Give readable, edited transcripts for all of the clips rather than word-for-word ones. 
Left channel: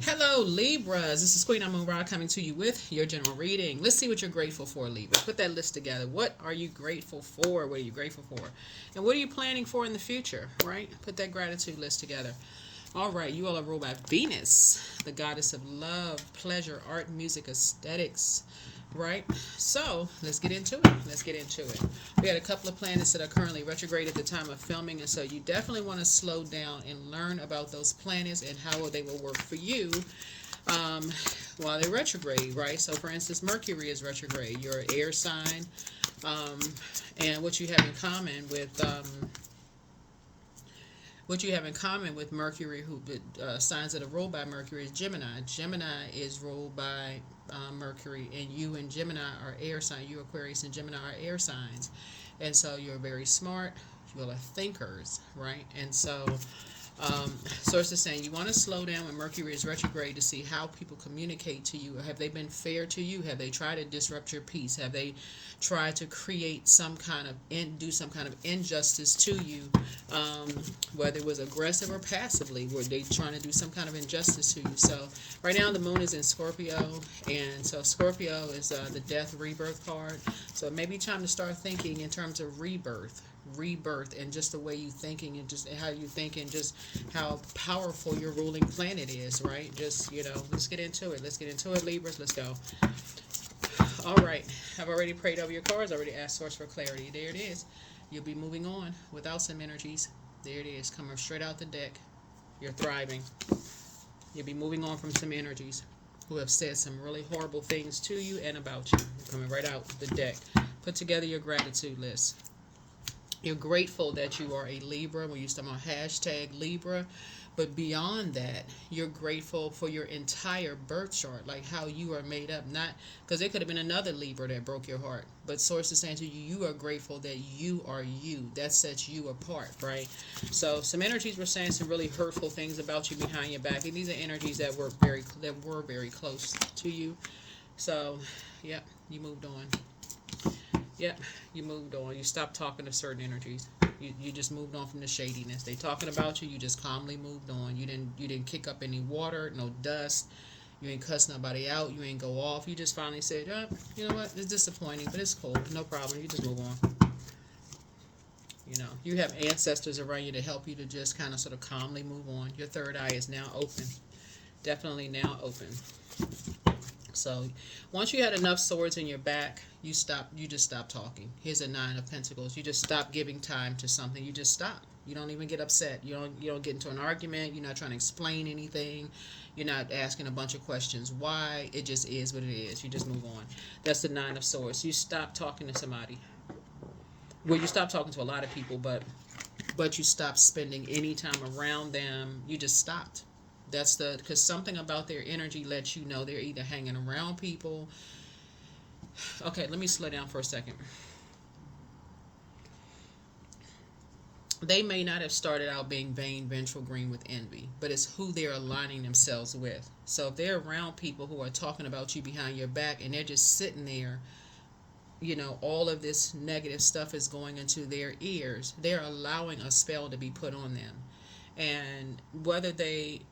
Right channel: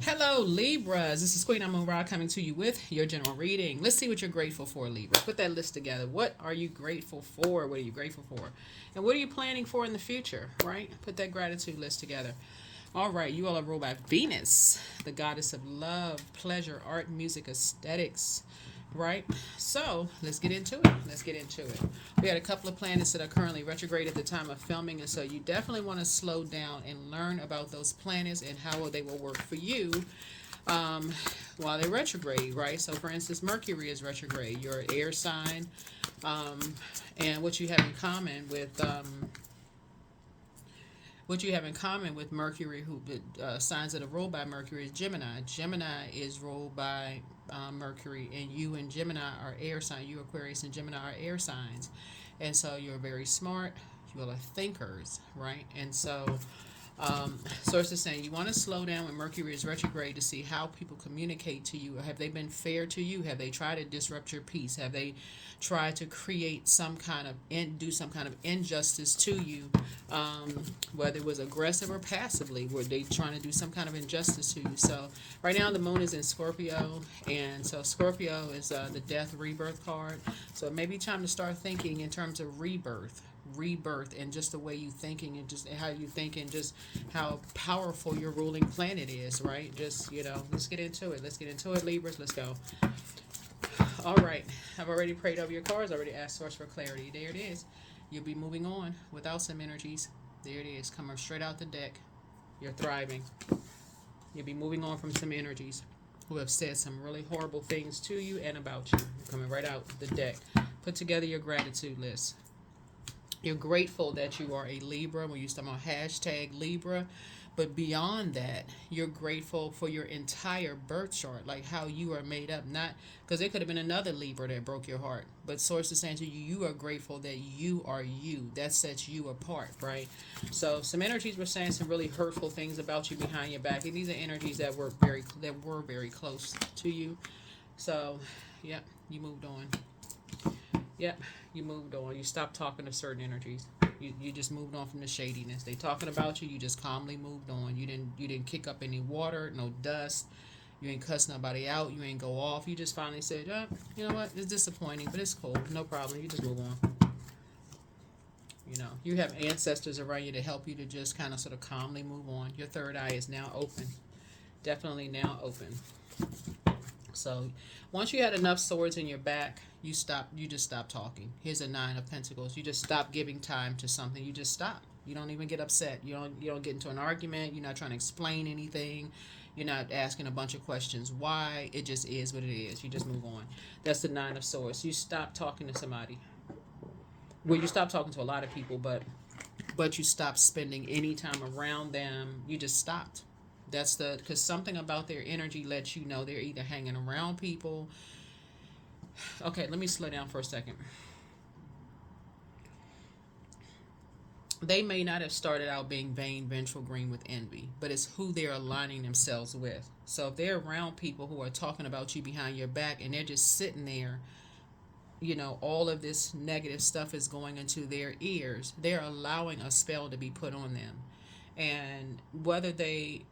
Hello, Libras. This is Queen Amun Ra coming to you with your general reading. Let's see what you're grateful for, Libra. Put that list together. What are you grateful for? What are you grateful for? And what are you planning for in the future, right? Put that gratitude list together. All right, you all are ruled by Venus, the goddess of love, pleasure, art, music, aesthetics, right? So let's get into it. Let's get into it. We had a couple of planets that are currently retrograde at the time of filming, and so you definitely want to slow down and learn about those planets and how they will work for you um, while they're retrograde, right? So, for instance, Mercury is retrograde. You're an air sign, um, and what you have in common with Mercury, who signs that are ruled by Mercury, is Gemini. Gemini is ruled by Mercury, and you and Gemini are air signs. You, Aquarius, and Gemini are air signs, and so you're very smart. You are thinkers, right? And so source is saying you want to slow down when Mercury is retrograde to see how people communicate to you. Have they been fair to you? Have they tried to disrupt your peace? Have they tried to create some kind of do some kind of injustice to you? Um, Whether it was aggressive or passively, were they trying to do some kind of injustice to you? So right now the moon is in Scorpio, and so Scorpio is the death rebirth card. So it may be time to start thinking in terms of rebirth and just the way you thinking and just how you think and just how powerful your ruling planet is, right? Just, let's get into it. Let's get into it, Libras. Let's go. All right. I've already prayed over your cards. I already asked source for clarity. There it is. You'll be moving on without some energies. There it is. Coming straight out the deck. You're thriving. You'll be moving on from some energies who have said some really horrible things to you and about you. Coming right out the deck. Put together your gratitude list. You're grateful that you are a Libra. We used to on hashtag Libra. But beyond that, you're grateful for your entire birth chart, like how you are made up. Not because it could have been another Libra that broke your heart, but source is saying to you, you are grateful that you are you. That sets you apart, right? So some energies were saying some really hurtful things about you behind your back, and these are energies that were very close to you. So, yeah, you moved on. Yep, you moved on. You stopped talking to certain energies. You just moved on from the shadiness. They talking about you. You just calmly moved on. You didn't kick up any water, no dust. You ain't cuss nobody out. You ain't go off. You just finally said, "Oh, you know what? It's disappointing, but it's cool. No problem. You just move on." You have ancestors around you to help you to just kind of sort of calmly move on. Your third eye is now open. Definitely now open. So once you had enough swords in your back, you just stop talking. Here's a 9 of Pentacles. You just stop giving time to something. You just stop. You don't even get upset. You don't get into an argument. You're not trying to explain anything. You're not asking a bunch of questions. Why? It just is what it is. You just move on. That's the 9 of Swords. You stop talking to somebody. Well, you stop talking to a lot of people, but you stop spending any time around them. You just stopped. That's because something about their energy lets you know they're either hanging around people. Okay, let me slow down for a second. They may not have started out being vain, vengeful, green with envy, but it's who they're aligning themselves with. So if they're around people who are talking about you behind your back and they're just sitting there, all of this negative stuff is going into their ears, they're allowing a spell to be put on them. And whether they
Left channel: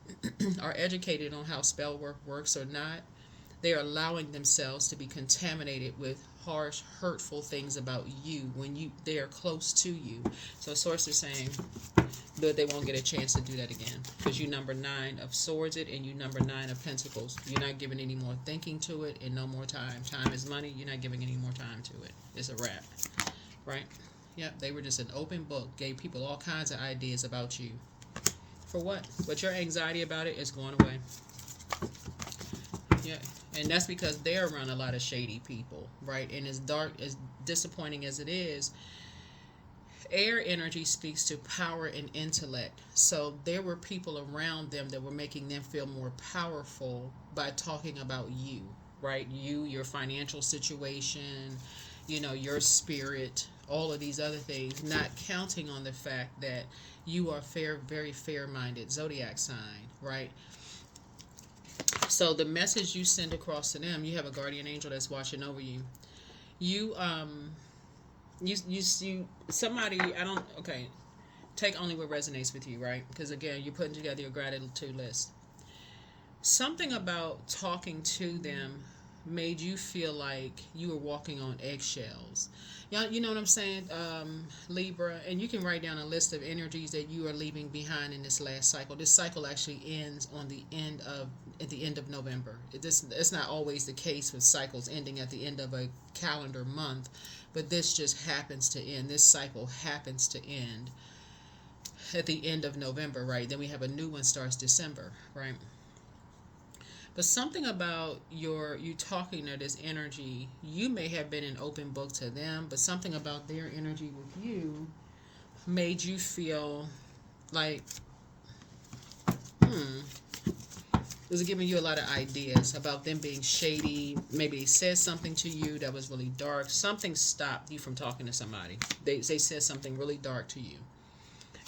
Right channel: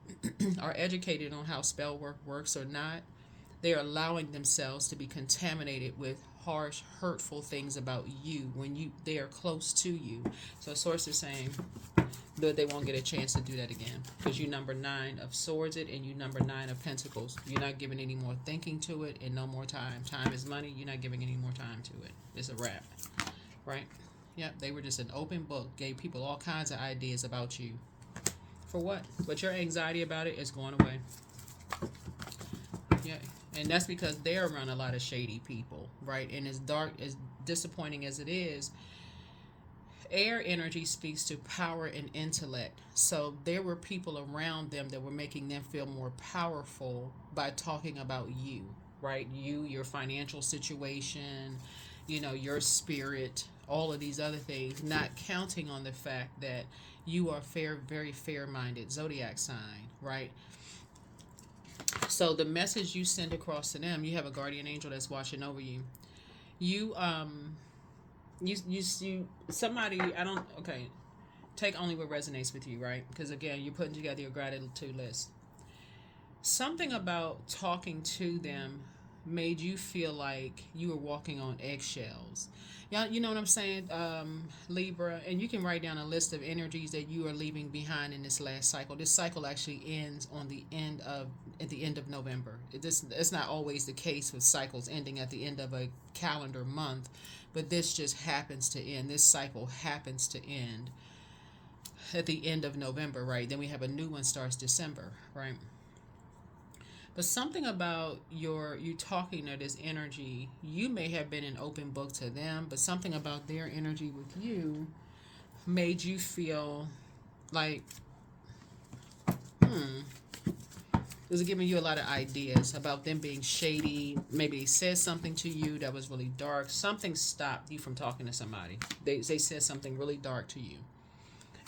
are educated on how spell work works or not, they're allowing themselves to be contaminated with harsh, hurtful things about you when they are close to you. So source is saying that they won't get a chance to do that again because you number 9 of Swords it and you number 9 of Pentacles. You're not giving any more thinking to it and no more time. Time is money. You're not giving any more time to it. It's a wrap, right? Yeah, they were just an open book. Gave people all kinds of ideas about you. For what? But your anxiety about it is going away. Yeah, and that's because they're around a lot of shady people, right? And as dark, as disappointing as it is, air energy speaks to power and intellect. So there were people around them that were making them feel more powerful by talking about you, right? You, your financial situation, your spirit, all of these other things, not counting on the fact that you are very fair minded zodiac sign, right? So the message you send across to them, you have a guardian angel that's watching over you. You somebody, I don't, okay, take only what resonates with you, right? Because again, you're putting together your gratitude list. Something about talking to them made you feel like you were walking on eggshells. Yeah, you know what I'm saying, Libra? And you can write down a list of energies that you are leaving behind in this last cycle. This cycle actually ends on the end of at the end of November. It's not always the case with cycles ending at the end of a calendar month, but this just happens to end. This cycle happens to end at the end of November, right? Then we have a new one starts December, right? But something about you talking to this energy, you may have been an open book to them, but something about their energy with you made you feel like, hmm, was giving you a lot of ideas about them being shady. Maybe they said something to you that was really dark. Something stopped you from talking to somebody. They said something really dark to you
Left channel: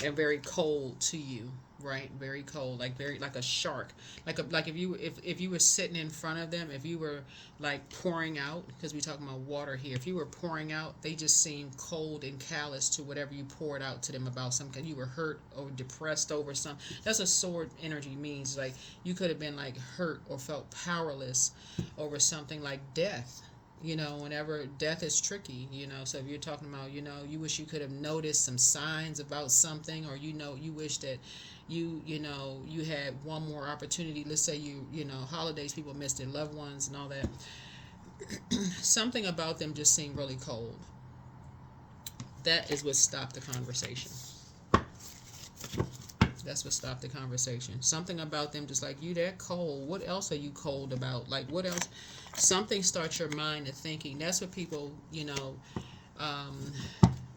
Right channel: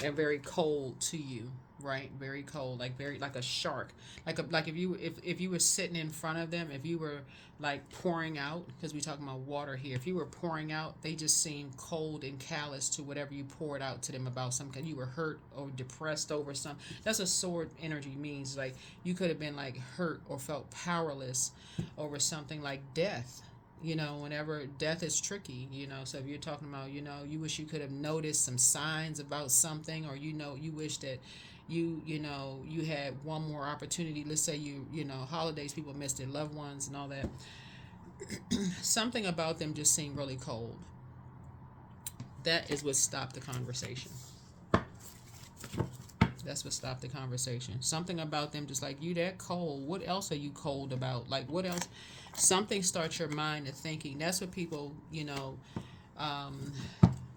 and very cold to you, right? Very cold, like very like a shark, like if you were sitting in front of them, if you were like pouring out, because we talking about water here, if you were pouring out, they just seemed cold and callous to whatever you poured out to them about something. You were hurt or depressed over something. That's what sword energy means. Like you could have been like hurt or felt powerless over something like death. Whenever death is tricky, so if you're talking about, you wish you could have noticed some signs about something, or you wish that you had one more opportunity. Let's say holidays, people miss their loved ones and all that. Something about them just seemed really cold. That is what stopped the conversation. That's what stopped the conversation. Something about them just like, you that cold. What else are you cold about? Like, what else? Something starts your mind to thinking. That's what people, um,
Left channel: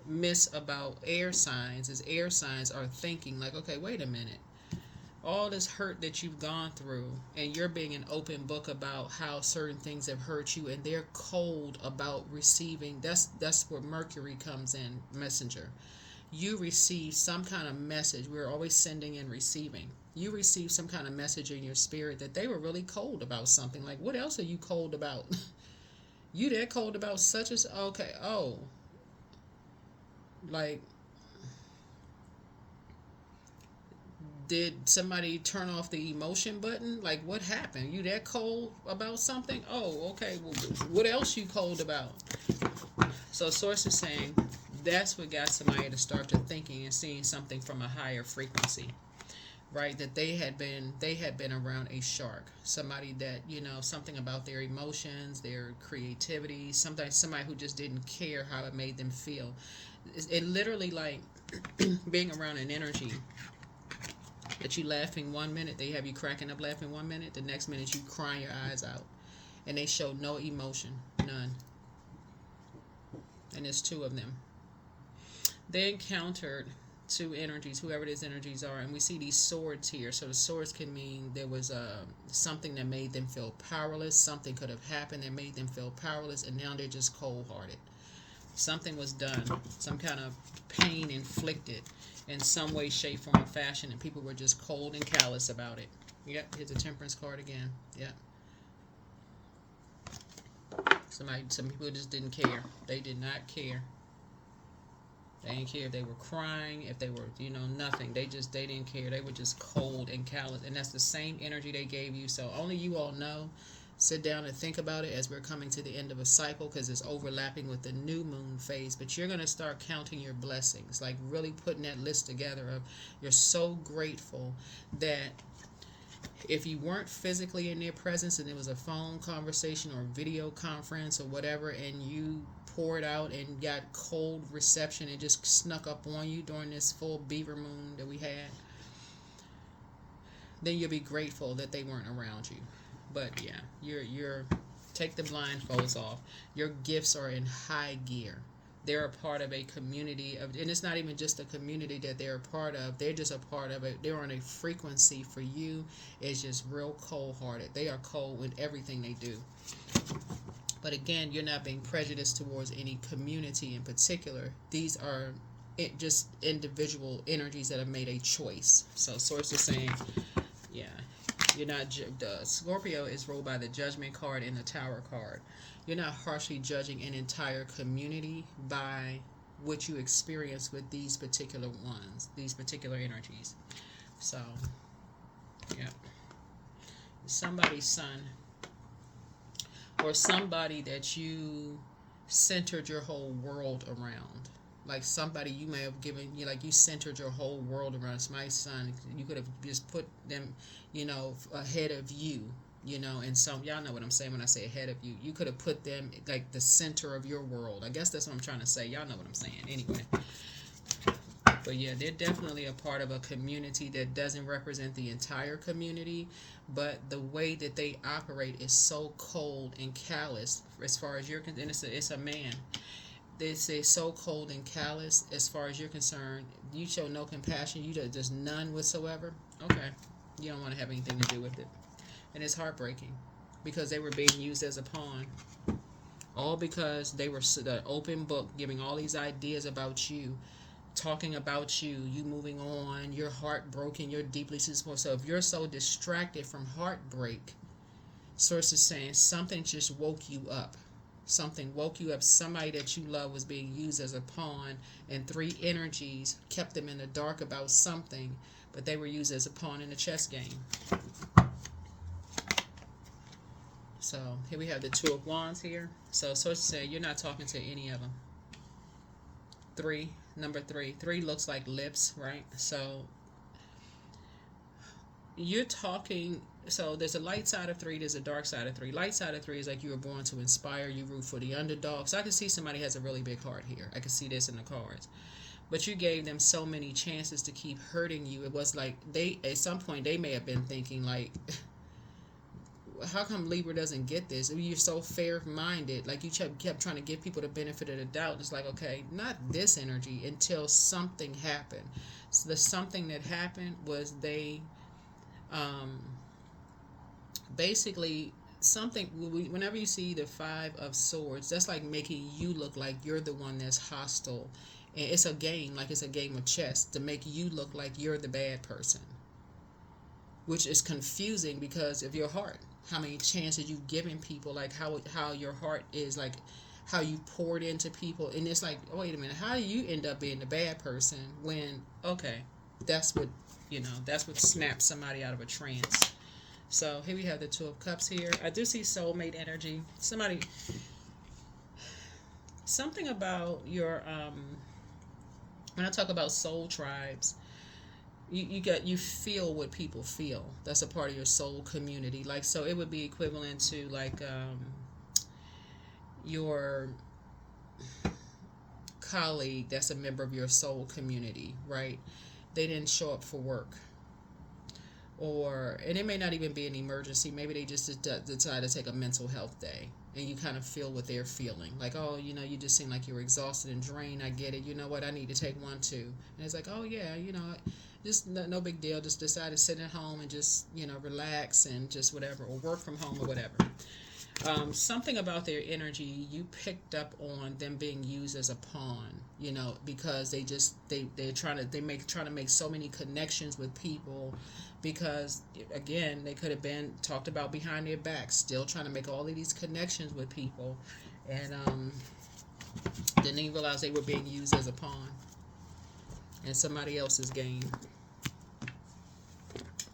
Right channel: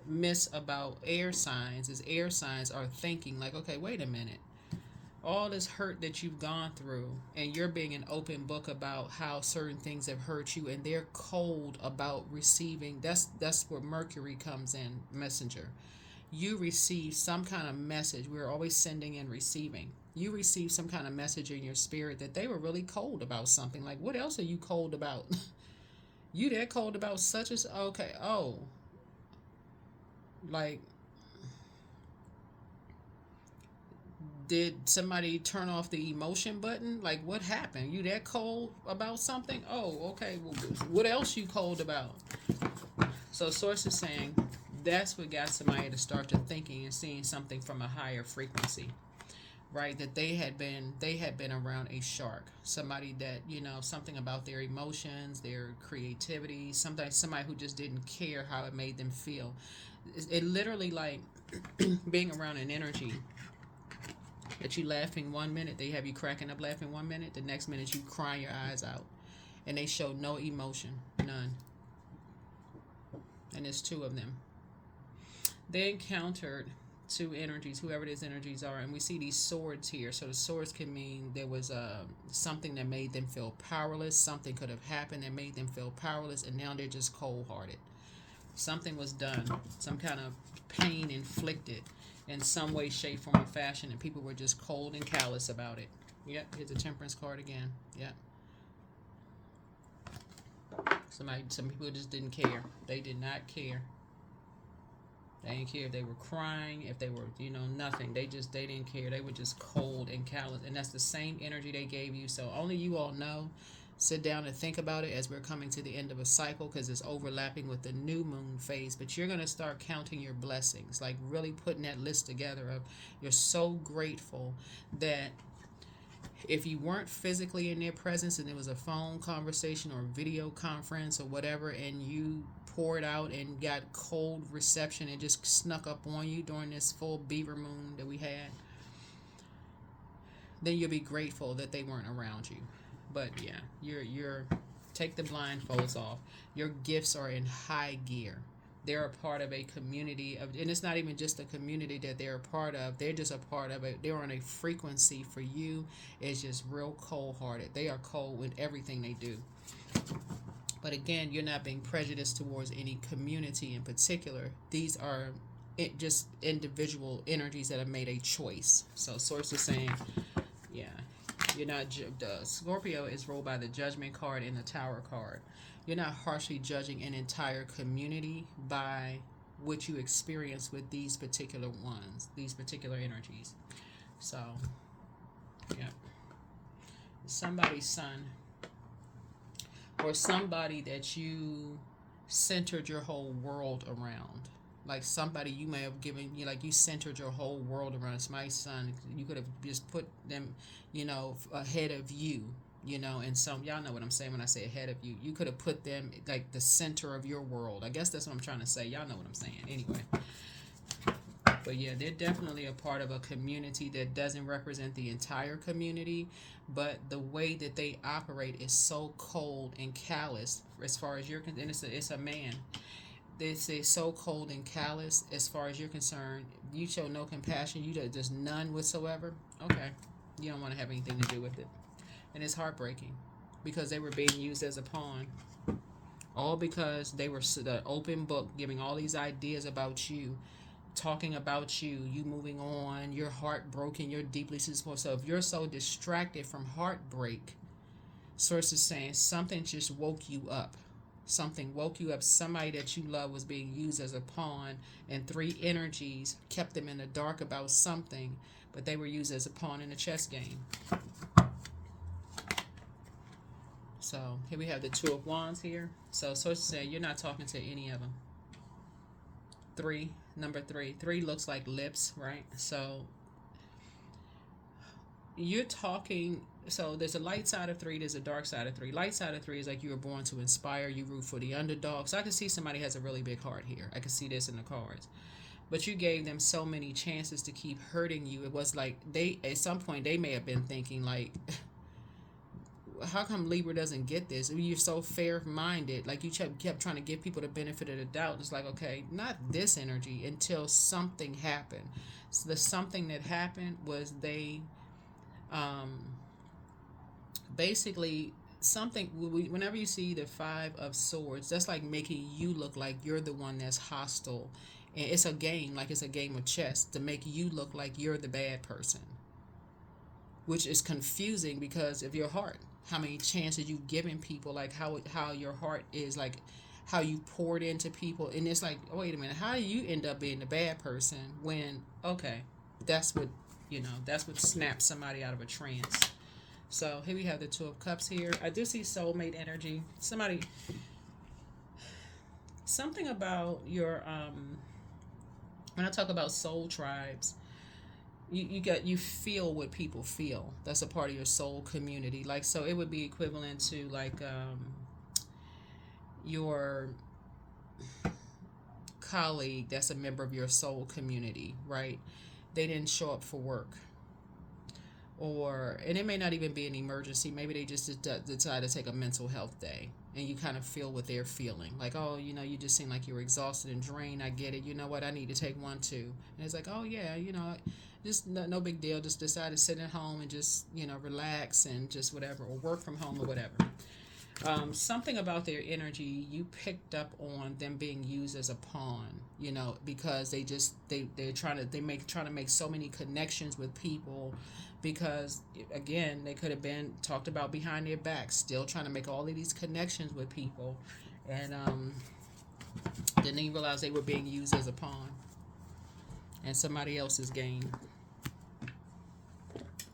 miss about air signs, is air signs are thinking like, okay, wait a minute. All this hurt that you've gone through, and you're being an open book about how certain things have hurt you, and they're cold about receiving. That's where Mercury comes in, messenger. You receive some kind of message. We're always sending and receiving. You receive some kind of message in your spirit that they were really cold about something. Like, what else are you cold about? You that cold about such as okay. Oh, like, did somebody turn off the emotion button? Like, what happened? You that cold about something? Oh, okay. Well, what else you cold about? So source is saying that's what got somebody to start to thinking and seeing something from a higher frequency, right? That they had been around a shark, somebody that something about their emotions, their creativity, somebody who just didn't care how it made them feel. It literally like being around an energy that you laughing one minute, they have you cracking up laughing one minute, the next minute you crying your eyes out, and they show no emotion, none. And there's two of them. They encountered two energies, whoever these energies are, and we see these swords here. So the swords can mean there was something that made them feel powerless. Something could have happened that made them feel powerless, and now they're just cold-hearted. Something was done, some kind of pain inflicted in some way, shape, form, or fashion, and people were just cold and callous about it. Yep, here's a temperance card again. Yep. Some people just didn't care. They did not care. They didn't care if they were crying, if they were, nothing. They didn't care. They were just cold and callous. And that's the same energy they gave you. So only you all know. Sit down and think about it as we're coming to the end of a cycle, because it's overlapping with the new moon phase. But you're going to start counting your blessings, like really putting that list together of you're so grateful that if you weren't physically in their presence and it was a phone conversation or video conference or whatever, and you poured out and got cold reception and just snuck up on you during this full beaver moon that we had, then you'll be grateful that they weren't around you. But yeah, you're take the blindfolds off. Your gifts are in high gear. They're a part of a community of, and it's not even just a community that they're a part of. They're just a part of it. They're on a frequency for you. It's just real cold-hearted. They are cold with everything they do. But again, you're not being prejudiced towards any community in particular. These are just individual energies that have made a choice. So source is saying, yeah, you're not. The Scorpio is ruled by the Judgment card and the Tower card. You're not harshly judging an entire community by what you experience with these particular ones, these particular energies. So, yeah. somebody's son, or somebody that you centered your whole world around. Like somebody you may have given you, like you centered your whole world around somebody's son. You could have just put them, ahead of you. And some y'all know what I'm saying when I say ahead of you. You could have put them like the center of your world. I guess that's what I'm trying to say. Y'all know what I'm saying. Anyway, but yeah, they're definitely a part of a community that doesn't represent the entire community, but the way that they operate is so cold and callous as far as you're concerned. And it's a man. They say so cold and callous as far as you're concerned. You show no compassion. There's none whatsoever. Okay, you don't want to have anything to do with it, and it's heartbreaking because they were being used as a pawn, all because they were the open book, giving all these ideas about you, talking about you moving on, you're heartbroken, you're deeply disappointed. So if you're so distracted from heartbreak, source is saying something just woke you up. Something woke you up. Somebody that you love was being used as a pawn, and three energies kept them in the dark about something, but they were used as a pawn in a chess game. So here we have the Two of Wands here. So source is saying you're not talking to any of them. Number three. Three looks like lips, right? So you're talking. So there's a light side of three, there's a dark side of three. Light side of three is like you were born to inspire, you root for the underdog. So I can see somebody has a really big heart here. I can see this in the cards. But you gave them so many chances to keep hurting you. It was like they, at some point, they may have been thinking like, how come Libra doesn't get this? You're so fair-minded. Like you kept trying to give people the benefit of the doubt. It's like, okay, not this energy until something happened. So the something that happened was they, basically something. Whenever you see the Five of Swords, that's like making you look like you're the one that's hostile, and it's a game, like it's a game of chess to make you look like you're the bad person, which is confusing because of your heart. How many chances you've given people, like how your heart is, like how you poured into people, and it's like, oh, wait a minute, how do you end up being the bad person when, okay, that's what that's what snaps somebody out of a trance. So here we have the Two of Cups here. I do see soulmate energy. Something about your, when I talk about soul tribes, you feel what people feel. That's a part of your soul community. Like, so it would be equivalent to like your colleague that's a member of your soul community, right? They didn't show up for work, and it may not even be an emergency. Maybe they just decide to take a mental health day, and you kind of feel what they're feeling. Like, oh, you just seem like you're exhausted and drained. I get it. You know what? I need to take one too. And it's like, oh yeah, just no big deal. Just decide to sit at home and just relax and just whatever, or work from home or whatever. Something about their energy, you picked up on them being used as a pawn, because they're trying to make so many connections with people, because again, they could have been talked about behind their backs, still trying to make all of these connections with people, and didn't even realize they were being used as a pawn in somebody else's game.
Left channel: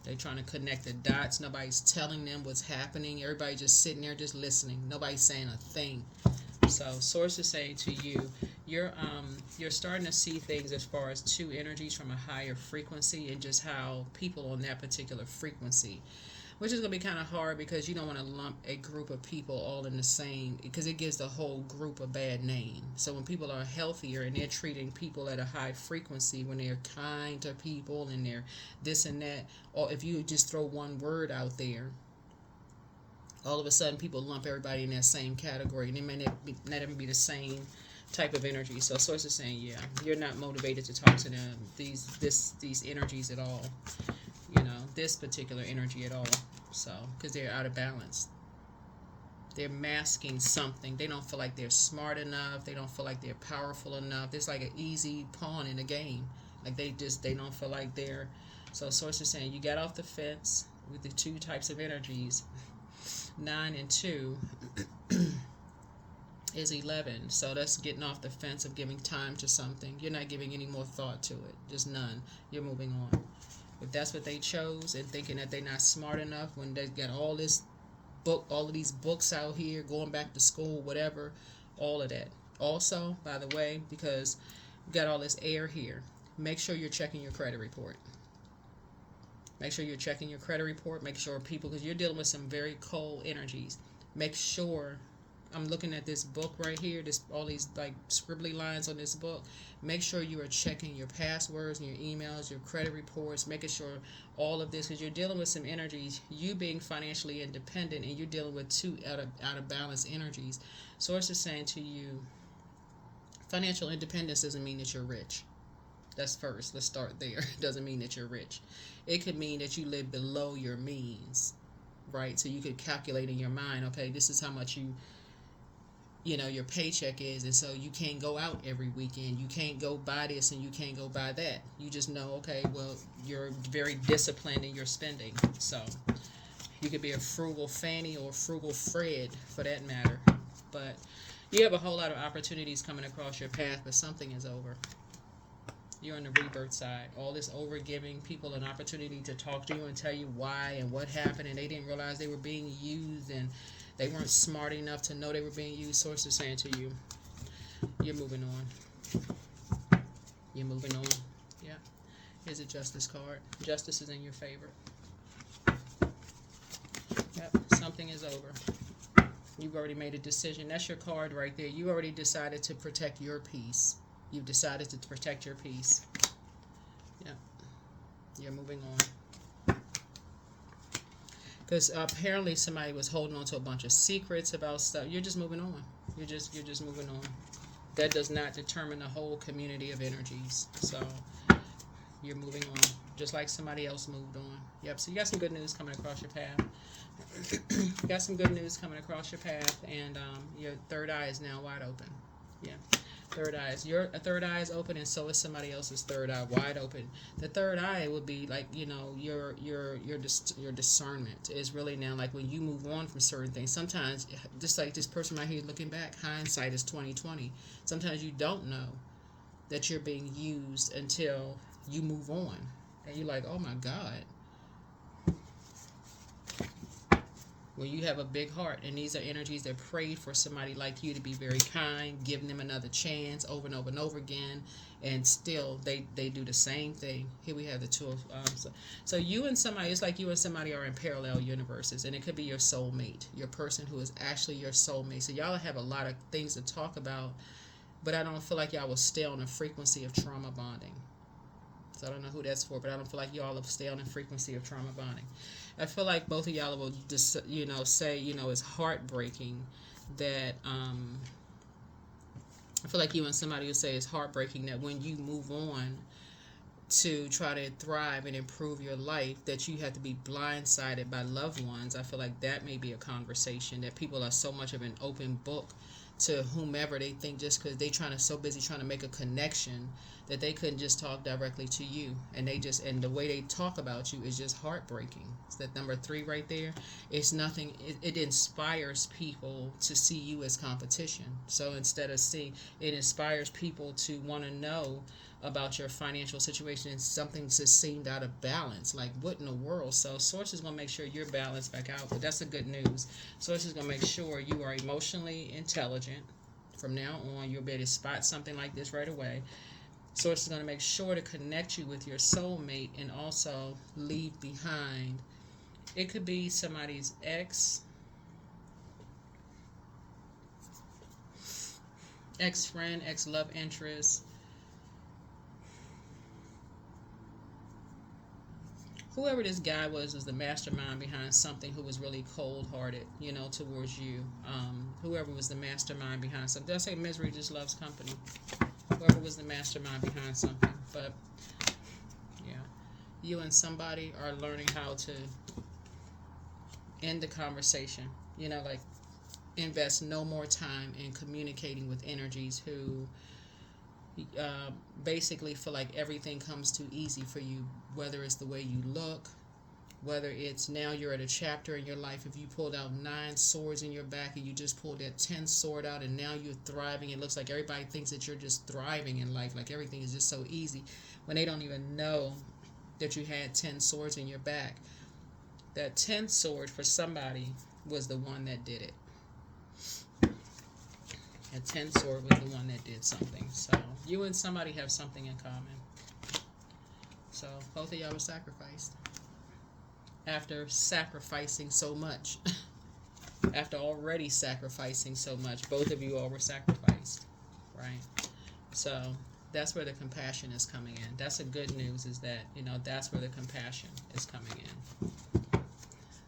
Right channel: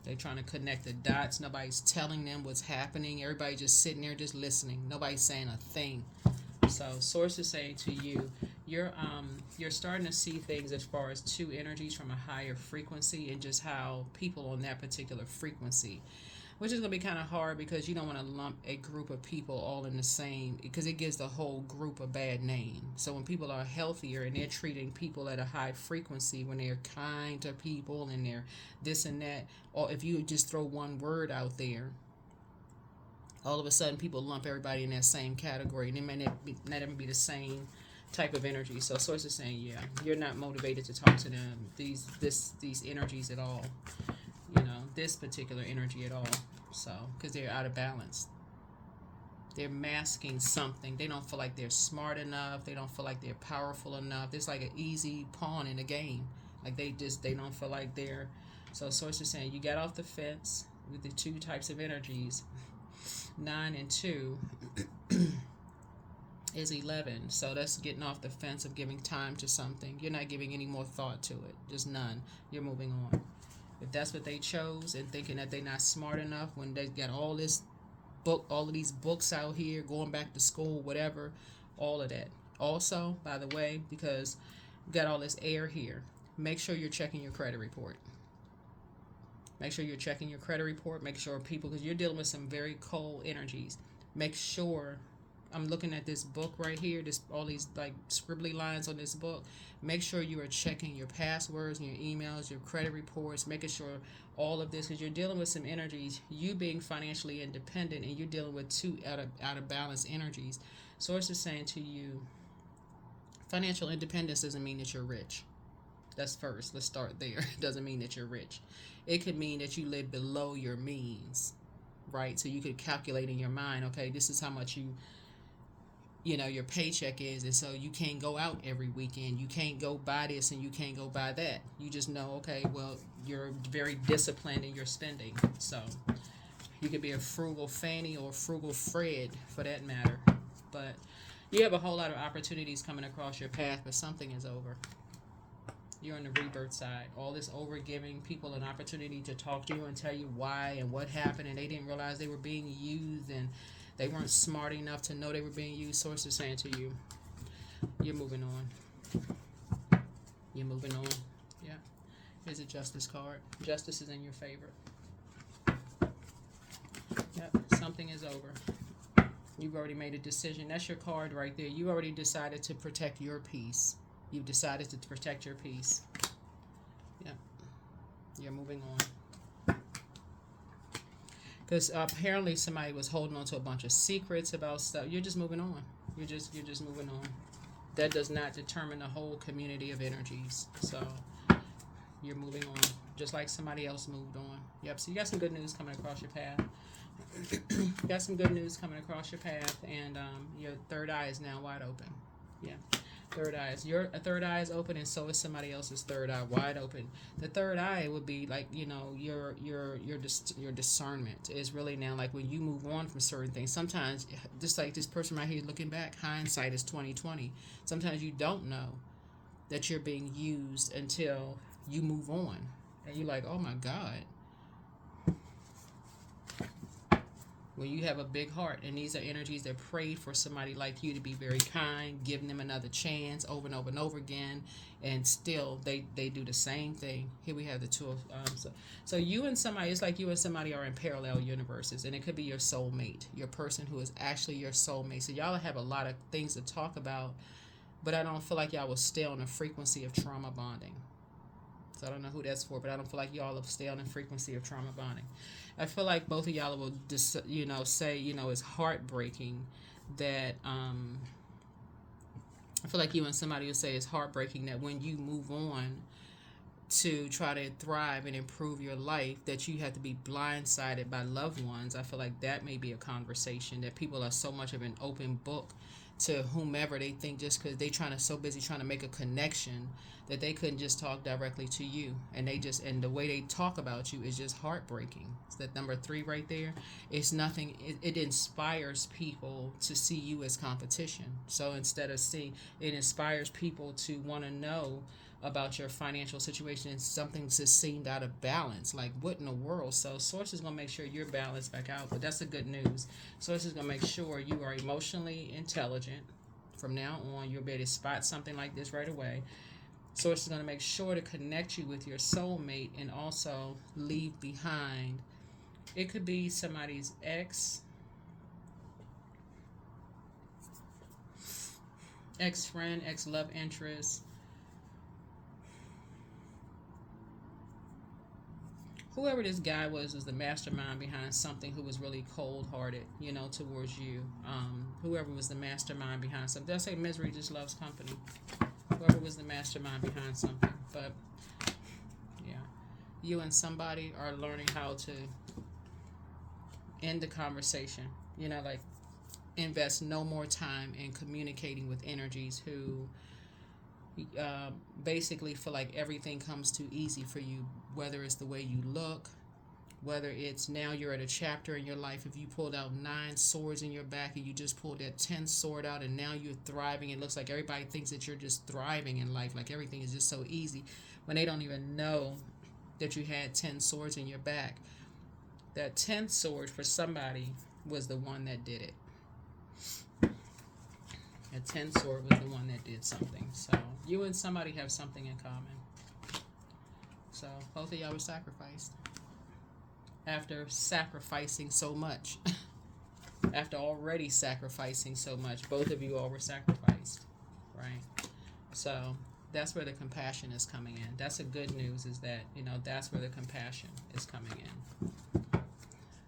They're trying to connect the dots. Nobody's telling them what's happening. Everybody just sitting there, just listening. Nobody's saying a thing. So, source is saying to you, you're starting to see things as far as two energies from a higher frequency, and just how people on that particular frequency, which is going to be kind of hard because you don't want to lump a group of people all in the same, because it gives the whole group a bad name. So when people are healthier and they're treating people at a high frequency, when they're kind to people and they're this and that, or if you just throw one word out there, all of a sudden people lump everybody in that same category, and it may not even be the same type of energy. So source is saying, yeah, you're not motivated to talk to them, these energies at all, this particular energy at all. So because they're out of balance, they're masking something. They don't feel like they're smart enough, they don't feel like they're powerful enough. It's like an easy pawn in a game. Like they don't feel like they're. So source is saying you got off the fence with the two types of energies. 9 and 2 is 11. So that's getting off the fence of giving time to something. You're not giving any more thought to it. Just none. You're moving on. If that's what they chose, and thinking that they're not smart enough when they got all of these books out here, going back to school, whatever, all of that. Also, by the way, because you got all this air here, make sure you're checking your credit report. Make sure you're checking your credit report. Make sure people, because you're dealing with some very cold energies. Make sure, I'm looking at this book right here, this all these like scribbly lines on this book. Make sure you are checking your passwords and your emails, your credit reports, making sure all of this, because you're dealing with some energies. You being financially independent, and you're dealing with two out of balance energies. Source is saying to you, financial independence doesn't mean that you're rich. That's first. Let's start there. It doesn't mean that you're rich. It could mean that you live below your means, right? So you could calculate in your mind, okay, this is how much your paycheck is, and so you can't go out every weekend. You can't go buy this and you can't go buy that. You just know, okay, well, you're very disciplined in your spending. So you could be a frugal Fanny or a frugal Fred for that matter. But you have a whole lot of opportunities coming across your path, but something is over. You're on the rebirth side. All this over giving people an opportunity to talk to you and tell you why and what happened, and they didn't realize they were being used, and they weren't smart enough to know they were being used. Source is saying to you, you're moving on. You're moving on. Yeah. Here's a justice card. Justice is in your favor. Yep. Something is over. You've already made a decision. That's your card right there. You already decided to protect your peace. You've decided to protect your peace. Yeah. You're moving on. Because apparently somebody was holding on to a bunch of secrets about stuff. You're just moving on. You're just moving on. That does not determine the whole community of energies. So you're moving on. Just like somebody else moved on. Yep. So you got some good news coming across your path. You got some good news coming across your path, and your third eye is now wide open. Yeah. Third eyes. Your third eye is open, and so is somebody else's third eye wide open. The third eye would be like, your discernment is really now like when you move on from certain things. Sometimes, just like this person right here looking back, hindsight is 20/20. Sometimes you don't know that you're being used until you move on, and you're like, oh my God. When you have a big heart, and these are energies that prayed for somebody like you to be very kind, giving them another chance over and over and over again, and still they do the same thing. Here we have the two of so you and somebody, it's like you and somebody are in parallel universes, and it could be your soulmate, your person who is actually your soulmate. So y'all have a lot of things to talk about, but I don't feel like y'all will stay on the frequency of trauma bonding. So I don't know who that's for, but I don't feel like y'all will stay on the frequency of trauma bonding. I feel like both of y'all will say, it's heartbreaking that, I feel like you and somebody will say it's heartbreaking that when you move on to try to thrive and improve your life, that you have to be blindsided by loved ones. I feel like that may be a conversation, that people are so much of an open book to whomever they think, just because they so busy trying to make a connection that they couldn't just talk directly to you, and the way they talk about you is just heartbreaking. It's that number 3 right there. It's nothing. It inspires people to see you as competition. So instead of seeing, it inspires people to want to know about your financial situation, and something just seemed out of balance. Like, what in the world? So Source is going to make sure you're balanced back out. But that's the good news. Source is going to make sure you are emotionally intelligent. From now on, you'll be able to spot something like this right away. Source is going to make sure to connect you with your soulmate, and also leave behind. It could be somebody's ex-friend, ex-love interest. Whoever this guy was the mastermind behind something, who was really cold-hearted, towards you. Whoever was the mastermind behind something. Did I say misery just loves company? Whoever was the mastermind behind something. But, yeah. You and somebody are learning how to end the conversation. Like, invest no more time in communicating with energies who basically feel like everything comes too easy for you, whether it's the way you look, whether it's now you're at a chapter in your life. If you pulled out 9 swords in your back and you just pulled that 10th sword out, and now you're thriving, it looks like everybody thinks that you're just thriving in life, like everything is just so easy, when they don't even know that you had 10 swords in your back. That 10th sword for somebody was the one that did it. A 10th sword was the one that did something. So you and somebody have something in common. So both of y'all were sacrificed. After sacrificing so much. After already sacrificing so much, both of you all were sacrificed. Right? So that's where the compassion is coming in. That's the good news, is that, that's where the compassion is coming in.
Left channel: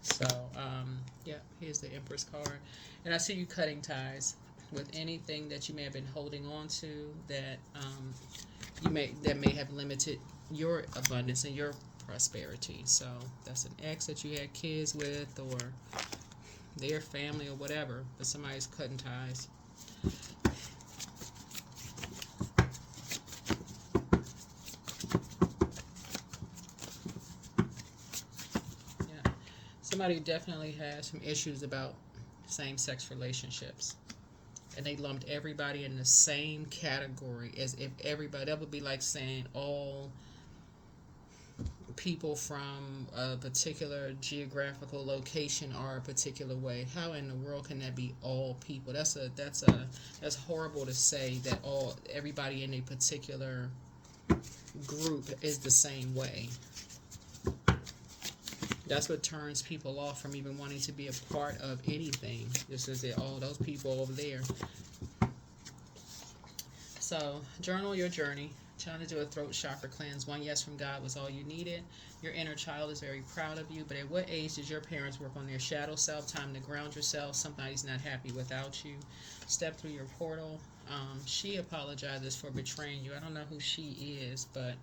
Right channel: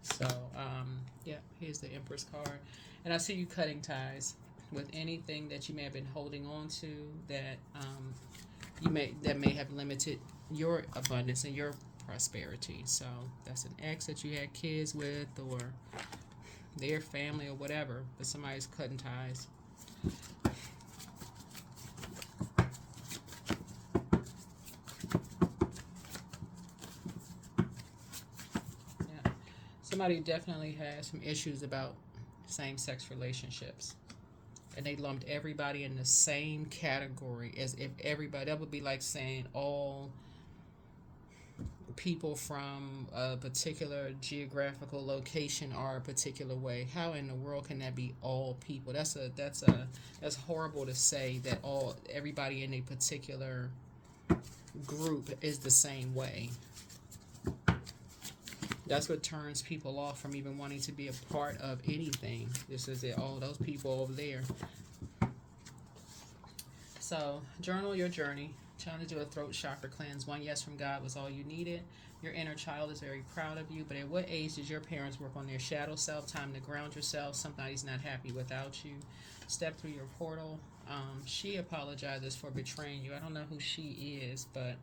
So, yeah, here's the Empress card. And I see you cutting ties with anything that you may have been holding on to that may have limited your abundance and your prosperity. So that's an ex that you had kids with, or their family, or whatever, but somebody's cutting ties. Yeah. Somebody definitely has some issues about same-sex relationships. And they lumped everybody in the same category, as if everybody, that would be like saying all people from a particular geographical location are a particular way. How in the world can that be all people? That's horrible to say, that everybody in a particular group is the same way. That's what turns people off from even wanting to be a part of anything. Just as those people over there. So, journal your journey. Trying to do a throat chakra cleanse. One yes from God was all you needed. Your inner child is very proud of you. But at what age did your parents work on their shadow self? Time to ground yourself. Somebody's not happy without you. Step through your portal. She apologizes for betraying you. I don't know who she is, but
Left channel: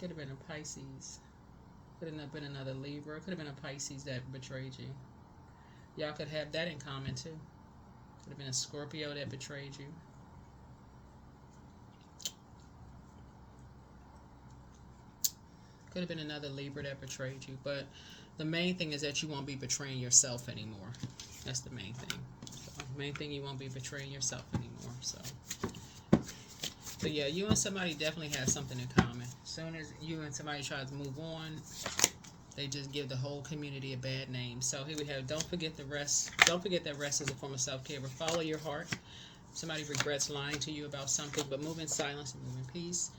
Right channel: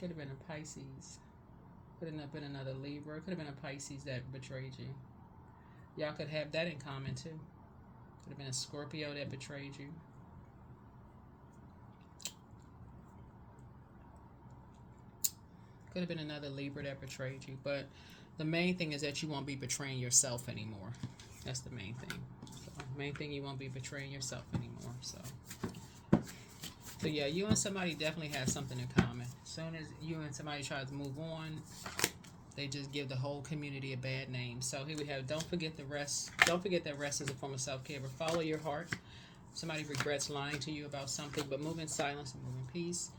could have been a Pisces. Could have been another Libra. Could have been a Pisces that betrayed you. Y'all could have that in common too. Could have been a Scorpio that betrayed you. Could have been another Libra that betrayed you. But the main thing is that you won't be betraying yourself anymore. That's the main thing. So, main thing, you won't be betraying yourself anymore. So yeah, you and somebody definitely have something in common. As soon as you and somebody try to move on, they just give the whole community a bad name. So here we have, don't forget the rest. Don't forget that rest is a form of self-care, but follow your heart. Somebody regrets lying to you about something, but move in silence and move in peace.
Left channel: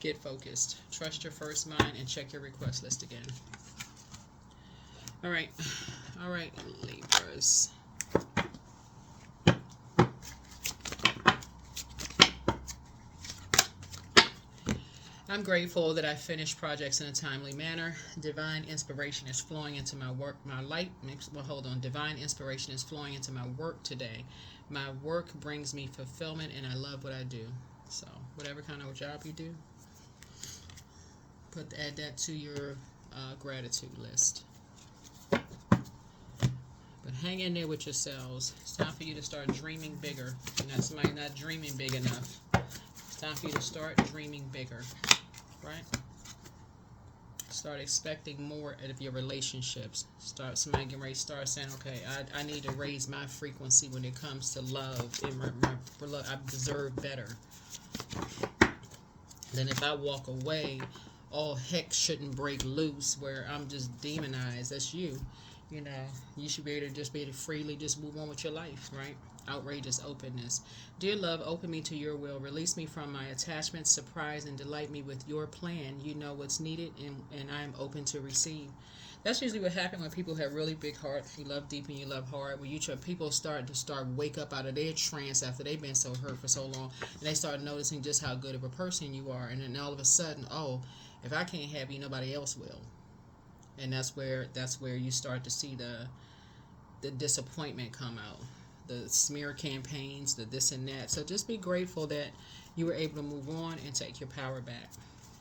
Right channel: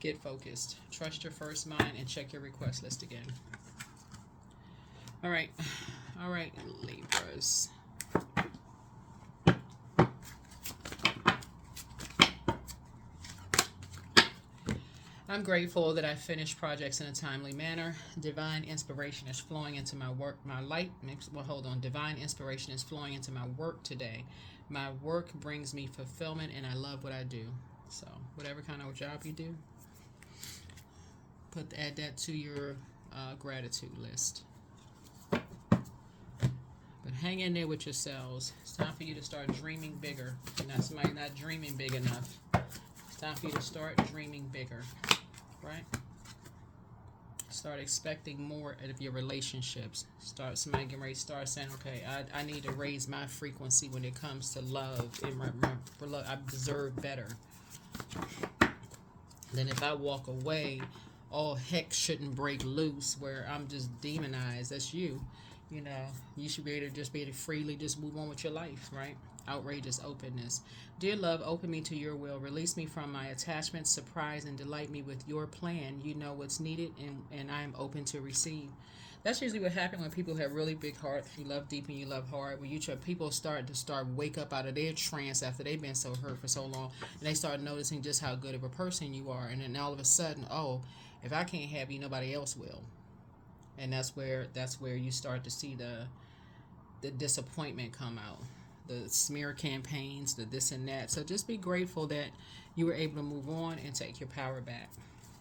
Get focused. Trust your first mind and check your request list again. All right, Libras. I'm grateful that I finished projects in a timely manner. Divine inspiration is flowing into my work, my light. Well, hold on. Divine inspiration is flowing into my work today. My work brings me fulfillment, and I love what I do. So, whatever kind of job you do, add that to your gratitude list. But hang in there with yourselves. It's time for you to start dreaming bigger. Somebody not dreaming big enough. It's time for you to start dreaming bigger. Right? Start expecting more out of your relationships. Somebody getting ready to start saying, okay, I need to raise my frequency when it comes to love. For love, I deserve better. Then if I walk away, all heck shouldn't break loose where I'm just demonized. That's you. You should be able to freely just move on with your life, right? Outrageous openness. Dear love, open me to your will. Release me from my attachments. Surprise and delight me with your plan. You know what's needed, and I am open to receive. That's usually what happens when people have really big hearts. You love deep and you love hard. When people start wake up out of their trance after they've been so hurt for so long, and they start noticing just how good of a person you are, and then all of a sudden, oh, if I can't have you, nobody else will. And that's where you start to see the disappointment come out, the smear campaigns, the this and that. So just be grateful that you were able to move on and take your power back.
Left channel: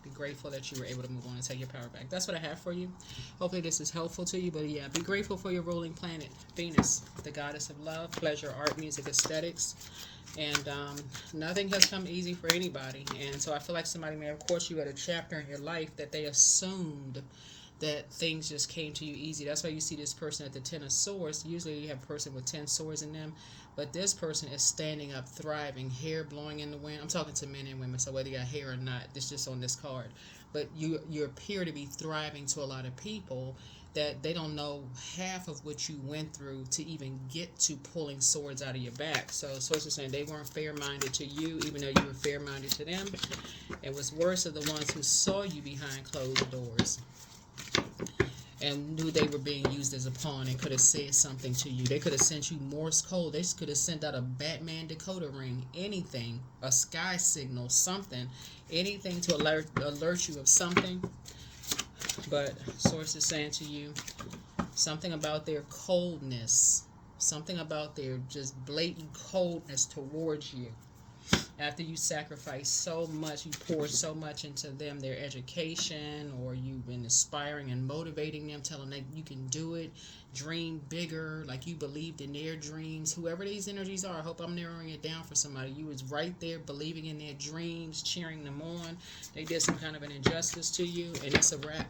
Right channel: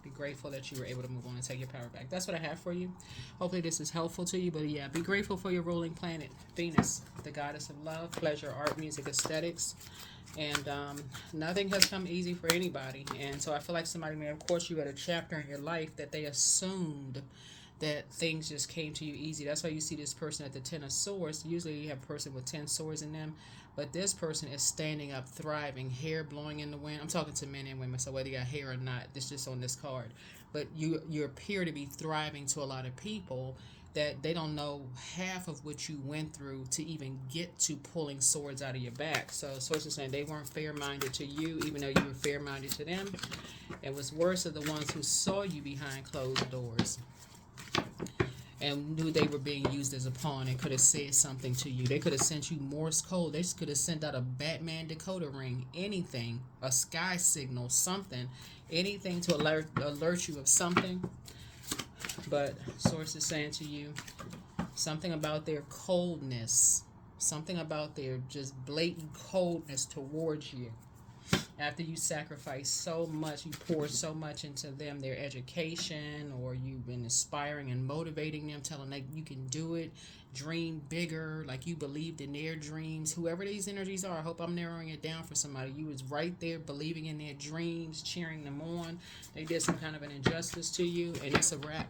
Be grateful that you were able to move on and take your power back. That's what I have for you. Hopefully this is helpful to you. But yeah, be grateful for your ruling planet, Venus, the goddess of love, pleasure, art, music, aesthetics. And nothing has come easy for anybody. And so I feel like somebody may have caught you at a chapter in your life that they assumed that things just came to you easy. That's why you see this person at the 10 of swords. Usually you have a person with 10 swords in them. But this person is standing up, thriving, hair blowing in the wind. I'm talking to men and women, so whether you got hair or not, it's just on this card. But you appear to be thriving to a lot of people that they don't know half of what you went through to even get to pulling swords out of your back. So sources saying they weren't fair-minded to you, even though you were fair-minded to them. It was worse of the ones who saw you behind closed doors and knew they were being used as a pawn and could have said something to you. They could have sent you Morse code. They could have sent out a Batman decoder ring, anything, a sky signal, something, anything to alert you of something. But source is saying to you something about their coldness, something about their just blatant coldness towards you. After you sacrifice so much, you pour so much into them, their education, or you've been inspiring and motivating them, telling them you can do it, dream bigger, like you believed in their dreams. Whoever these energies are, I hope I'm narrowing it down for somebody. You was right there believing in their dreams, cheering them on. They did some kind of an injustice to you, and it's a wrap.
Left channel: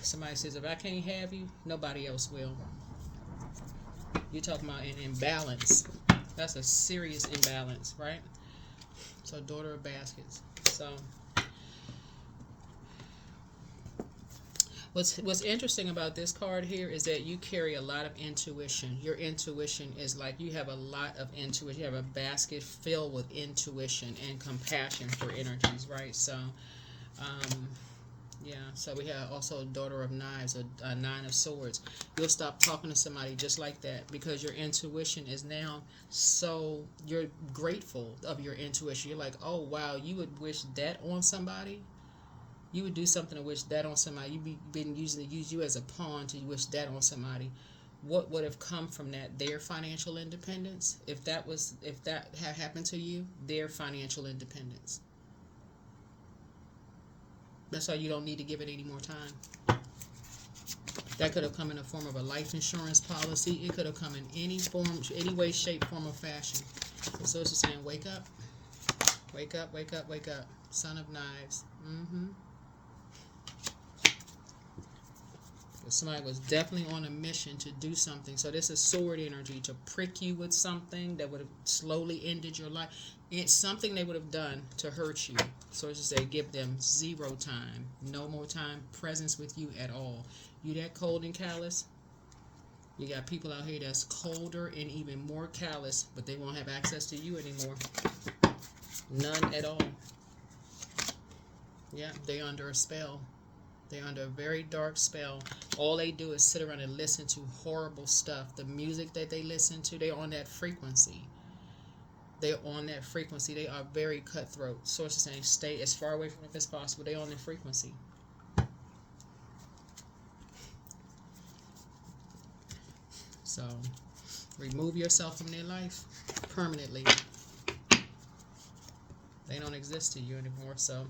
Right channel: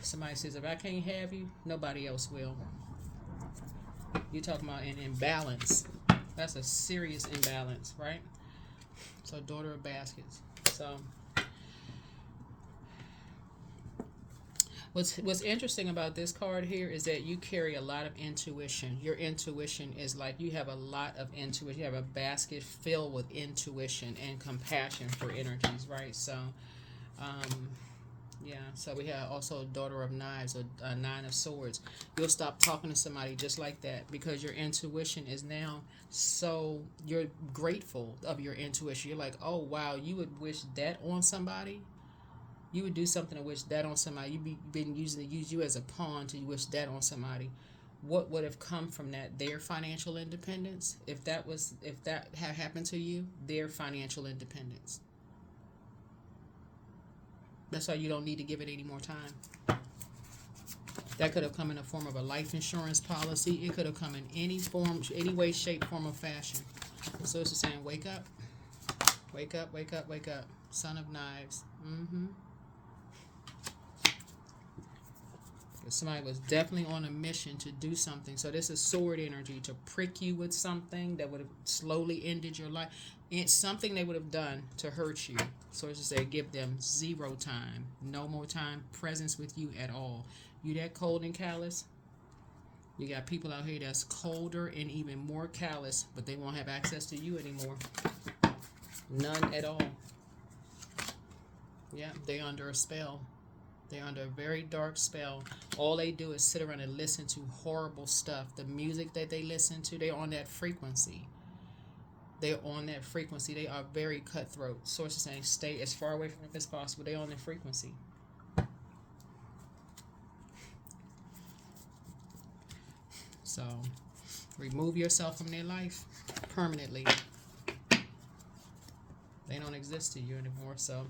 Somebody says, if I can't have you, nobody else will. You're talking about an imbalance. That's a serious imbalance, right? So, daughter of baskets. So, what's interesting about this card here is that you carry a lot of intuition. Your intuition is like you have a lot of intuition. You have a basket filled with intuition and compassion for energies, right? So, yeah, so we have also daughter of knives or nine of swords. You'll stop talking to somebody just like that because your intuition is now so, you're grateful of your intuition. You're like, oh, wow, you would wish that on somebody? You would do something to wish that on somebody. You've been using to use you as a pawn to wish that on somebody. What would have come from that? Their financial independence? If that had happened to you, their financial independence. That's why you don't need to give it any more time. That could have come in the form of a life insurance policy. It could have come in any form, any way, shape, form, or fashion. So it's just saying, wake up. Wake up, wake up, wake up. Son of knives. Somebody was definitely on a mission to do something. So this is sword energy, to prick you with something that would have slowly ended your life. It's something they would have done to hurt you. So it's just say, give them zero time, no more time, presence with you at all. You that cold and callous? You got people out here that's colder and even more callous, but they won't have access to you anymore. None at all. Yeah, they're under a spell. They're under a very dark spell. All they do is sit around and listen to horrible stuff. The music that they listen to, they're on that frequency. They're on that frequency. They are very cutthroat. Sources saying stay as far away from it as possible. They're on their frequency. So, remove yourself from their life permanently. They don't exist to you anymore. So,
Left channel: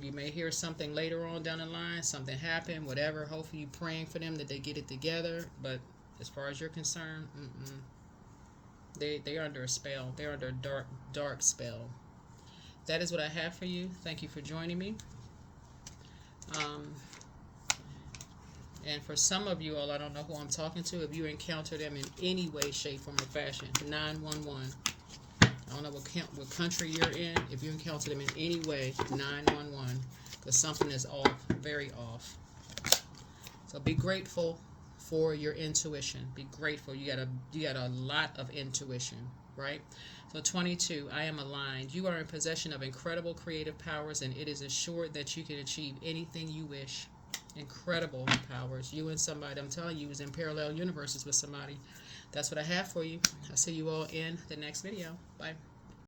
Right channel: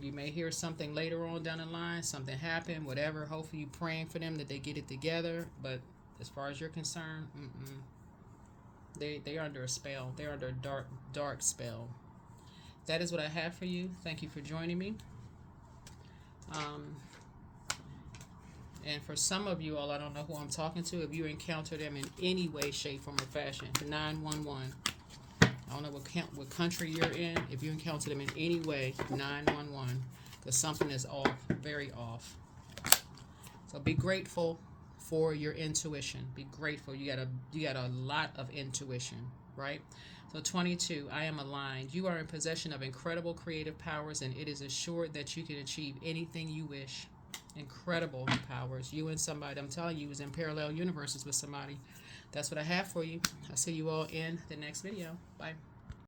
you may hear something later on down the line. Something happened, whatever. Hopefully, you're praying for them that they get it together. But as far as you're concerned, they're under a spell. They're under a dark spell. That is what I have for you. Thank you for joining me. And for some of you all, I don't know who I'm talking to. If you encounter them in any way, shape, form, or fashion, 911. I don't know what country you're in. If you encounter them in any way, 911. Because something is off, very off. So be grateful for your intuition. Be grateful. You got a lot of intuition, right? So 22, I am aligned. You are in possession of incredible creative powers, and it is assured that you can achieve anything you wish. Incredible powers. You and somebody, I'm telling you, is in parallel universes with somebody. That's what I have for you. I'll see you all in the next video. Bye.